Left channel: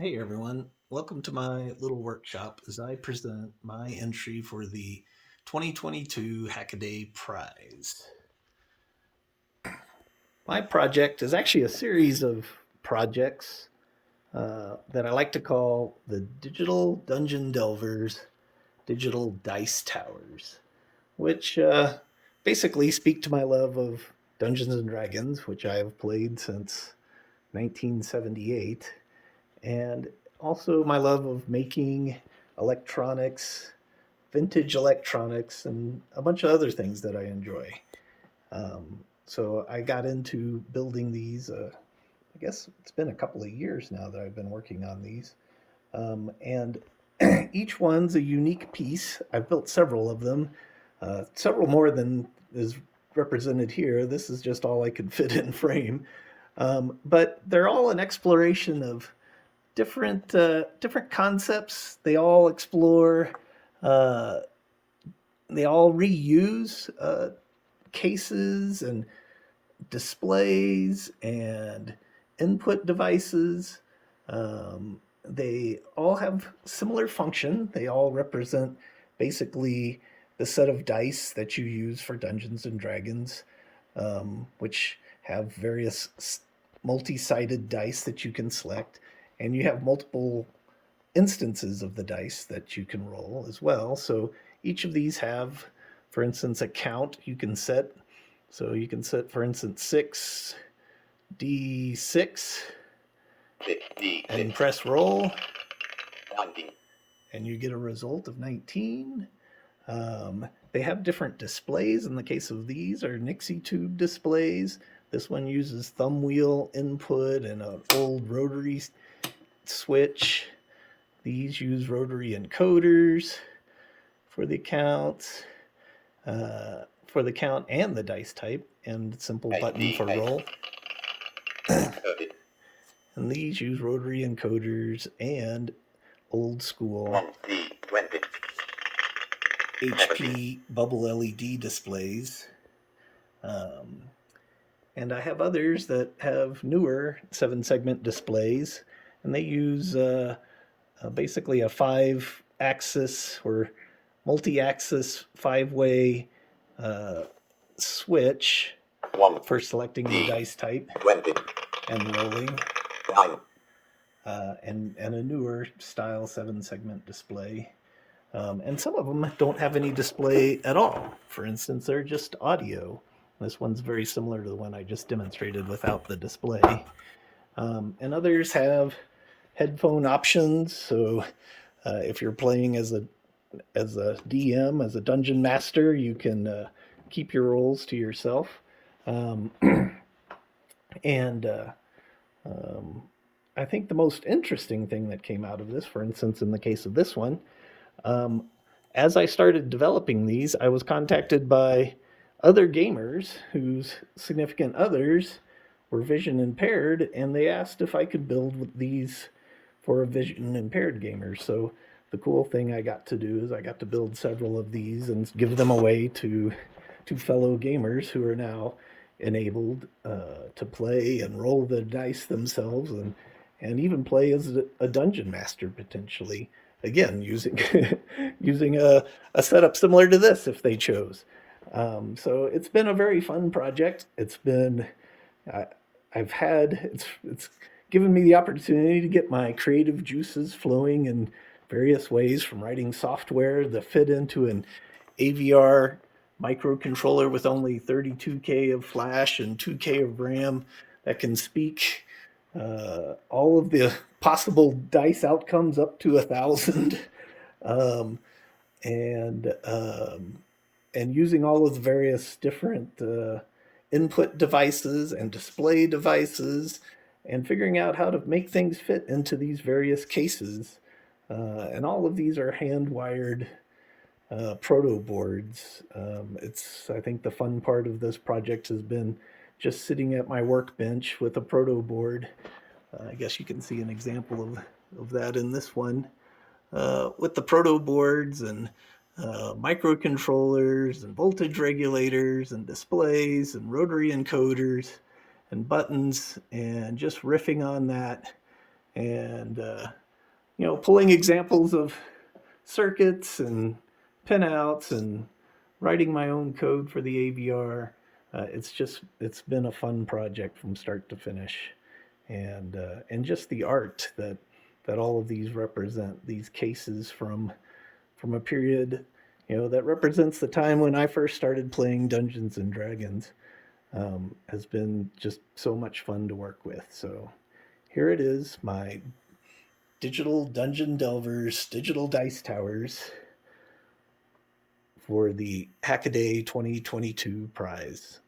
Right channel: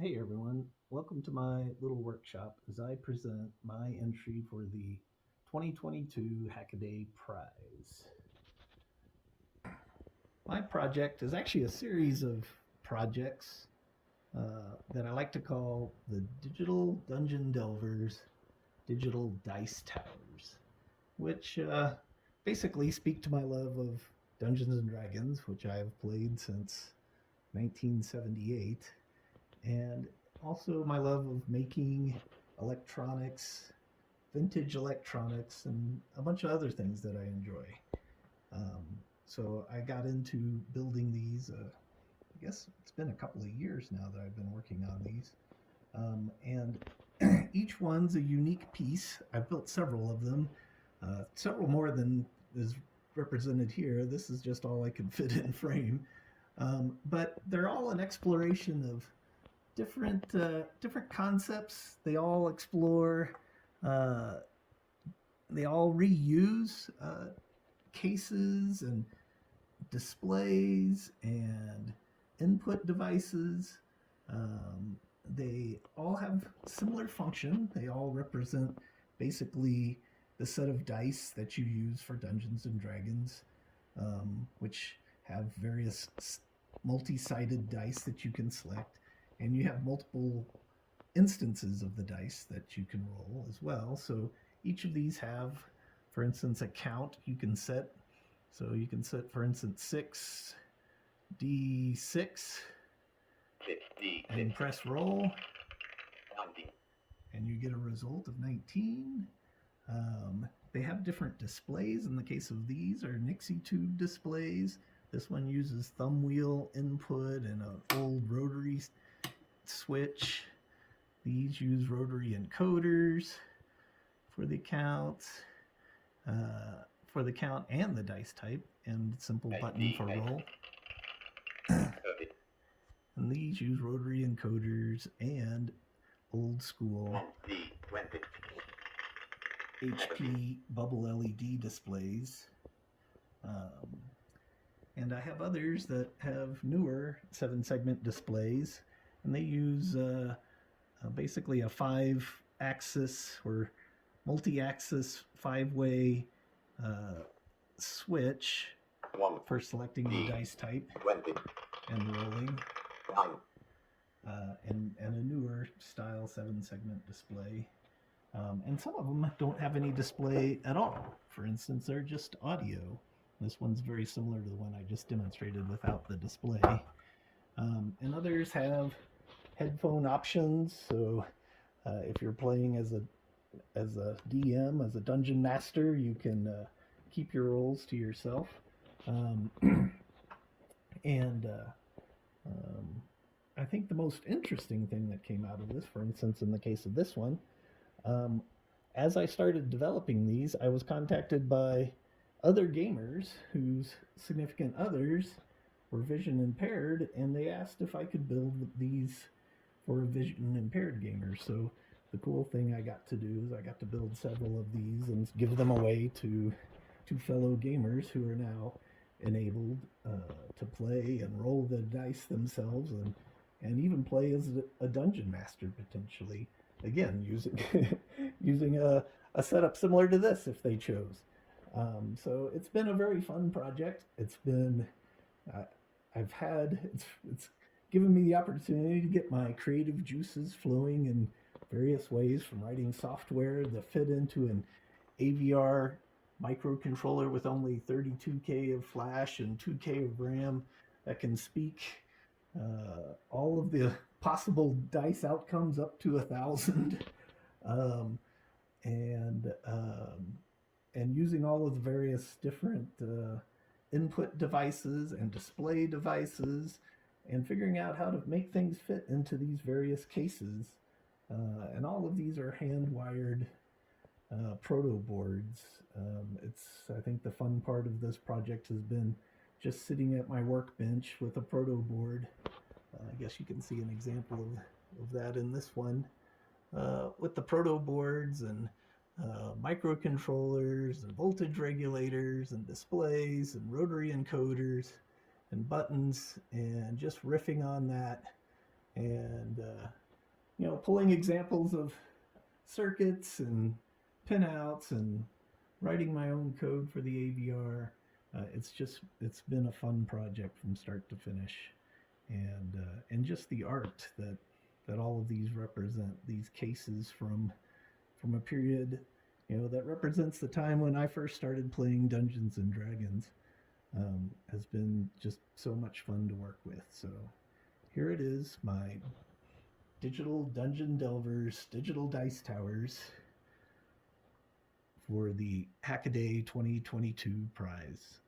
Hey everyone, welcome to my little workshop as I present my entry for the 2022 Hackaday Prize. My project is actually a series of projects that I like to call the Digital Dungeon Delvers Digital Dice Towers, which basically speak to my love of Dungeons and Dragons, which I have played since 1978, and also my love of making electronics, vintage electronics, and a bunch of other things that I enjoy. So I got into building these. I guess it's been a couple of years now that I've been working on these. And each one's a unique piece. I've built several of them, several more than is represented here. This is just all I could fit in frame. But they're all an exploration of different concepts. They all explore. Uh, they all reuse cases and displays and input devices. They all have similar function. They all represent basically the set of dice that you use for Dungeons and Dragons, which have various multi-sided dice that you can select, and you have multiple instances of the dice that you can roll as well. So each of these have, for instance, a count you can set. So you can set, for instance, 6d6 and press roll, and you get a result of 19. They have different displays. In the case of these are Nixie tube displays. This one uses thumb wheel input and an old rotary switch. These use rotary encoders for the counts, for the count and the dice type, and simple button for roll. And these use rotary encoders and old school HP bubble LED displays. And I have others that have newer 7-segment displays, and they use basically a 5-axis or multi-axis 5-way switch for selecting the dice type and rolling, and a newer style 7-segment display. And some of them don't have any display at all. For instance, they're just audio. This one's very similar to the one I just demonstrated without the display. And others have headphone options. So if you're playing as a DM, as a dungeon master, you can keep your rolls to yourself. And I think the most interesting thing that came out of this, for instance, in the case of this one, as I started developing these, I was contacted by other gamers whose significant others were vision impaired, and they asked if I could build these for a vision impaired gamer. So the cool thing I got to do is I got to build several of these and give them away to fellow gamers who are now enabled to play and roll the dice themselves, and even play as a dungeon master potentially. Again, using a setup similar to this if they chose. So it's been a very fun project. It's been it's given me the opportunity to get my creative juices flowing in various ways, from writing software that fit into an AVR microcontroller with only 32K of flash and 2K of RAM that can speak all of the possible dice outcomes up to 1,000, um, and using all of the various different input devices and display devices, and figuring out how to make things fit into these various cases. And all of these are hand wired proto-boards. I think the fun part of this project has been just sitting at my workbench with a proto-board. I guess you can see an example of that in this one, with the proto-boards and microcontrollers and voltage regulators and displays and rotary encoders and buttons, and just riffing on that and pulling examples of circuits and pinouts and writing my own code for the AVR. It's been a fun project from start to finish, and just the art that all of these represent, these cases from a period that represents the time when I first started playing Dungeons and Dragons, has been just so much fun to work with. So here it is, my digital dungeon delvers, digital dice towers for the Hackaday 2022 prize.